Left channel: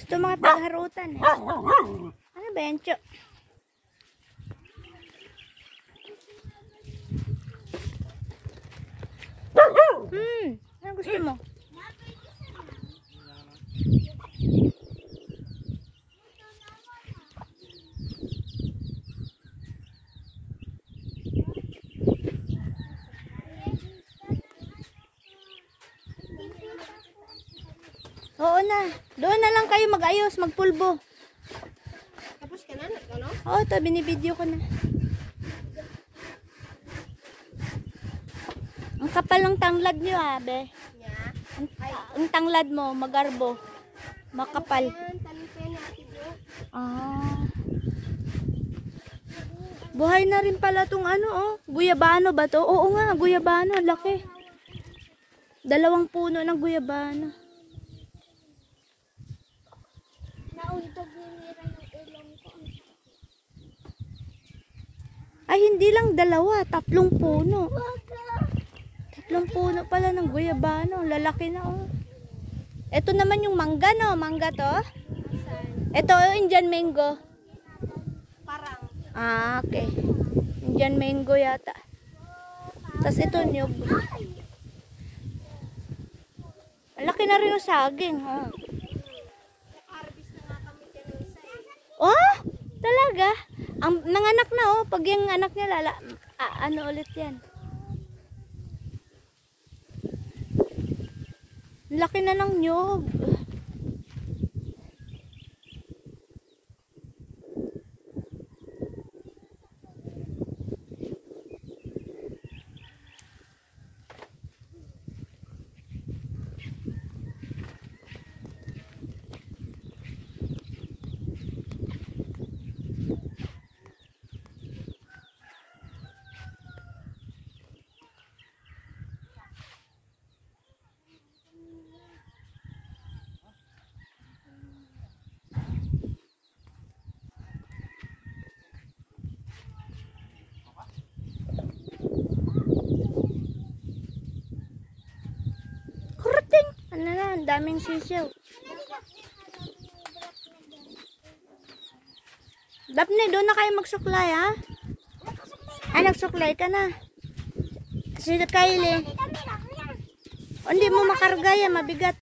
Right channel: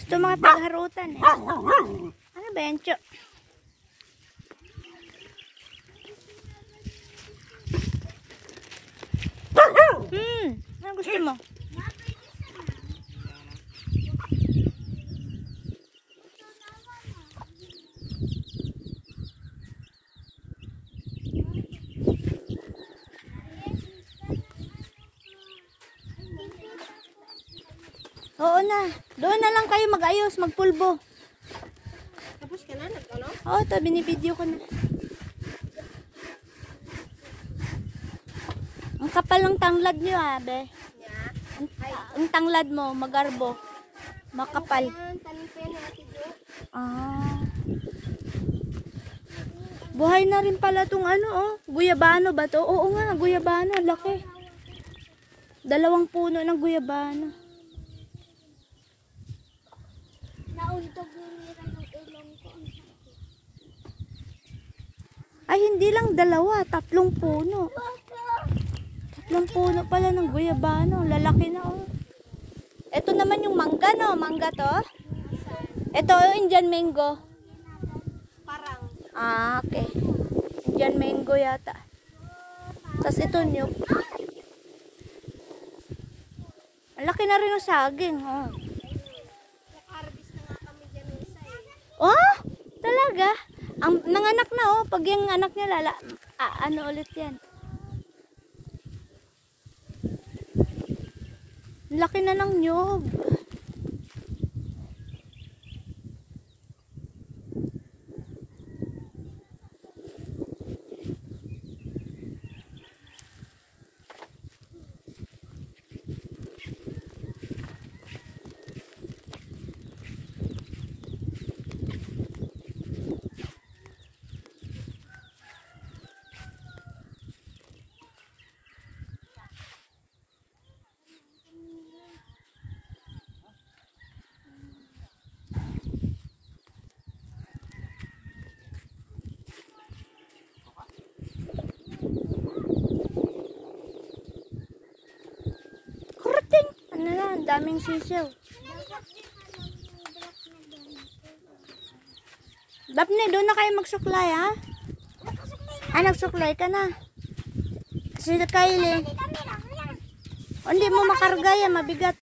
Gusto mga tagharutan eh. Ano ba yan, Cho? Ano gusto mo? Oo na. Doon na lang kayo mag-ayos, magpulbo. Tapos ka na, ano? Oo, ito, binibideo ko na. Ang kapal ng tanglad nyo, abe. Ang tanglad mo, magarbo. Makapal. Ah. Buhay na rin pala tong ano, oh. Guyabano ba to? Oo nga, guyabano. Laki. 2 puno ng guyabano. Ay, hindi lang 2, 3 puno. 3 puno pala ng guyabano. Lalaki na, oh. Ito naman yung mangga, no? Mangga to. Ito, Indian mango. Parang. Ah, okay. Indian mango yata. Tapos ito, nyug. Laki na rin yung saging, oh. Oh, talaga? Ang nanganak na, oh. Pag yung anak niya ano ulit yan? Laki na ng nyug. Ano na, ang daming sisiw. Daphne, doon na kayo magsuklay, ha? Ah, nagsuklay ka na. Si Kylie. Hindi mo makarga yan, mabigat.